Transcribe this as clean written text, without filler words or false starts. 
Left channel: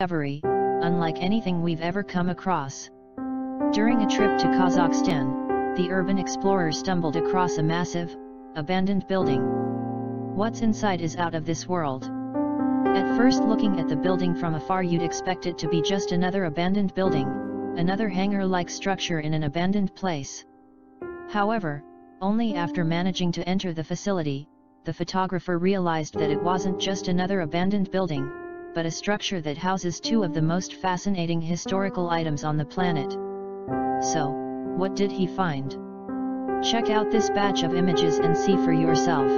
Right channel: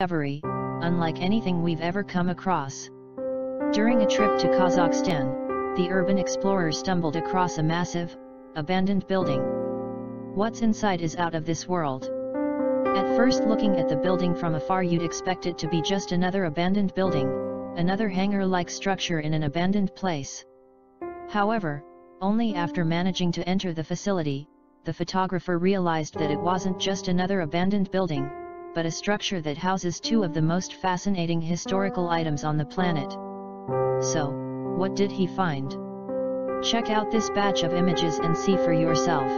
discovery, unlike anything we've ever come across. During a trip to Kazakhstan, the urban explorer stumbled across a massive, abandoned building. What's inside is out of this world. At first, looking at the building from afar, you'd expect it to be just another abandoned building, another hangar-like structure in an abandoned place. However, only after managing to enter the facility, the photographer realized that it wasn't just another abandoned building, but a structure that houses two of the most fascinating historical items on the planet. So, what did he find? Check out this batch of images and see for yourself.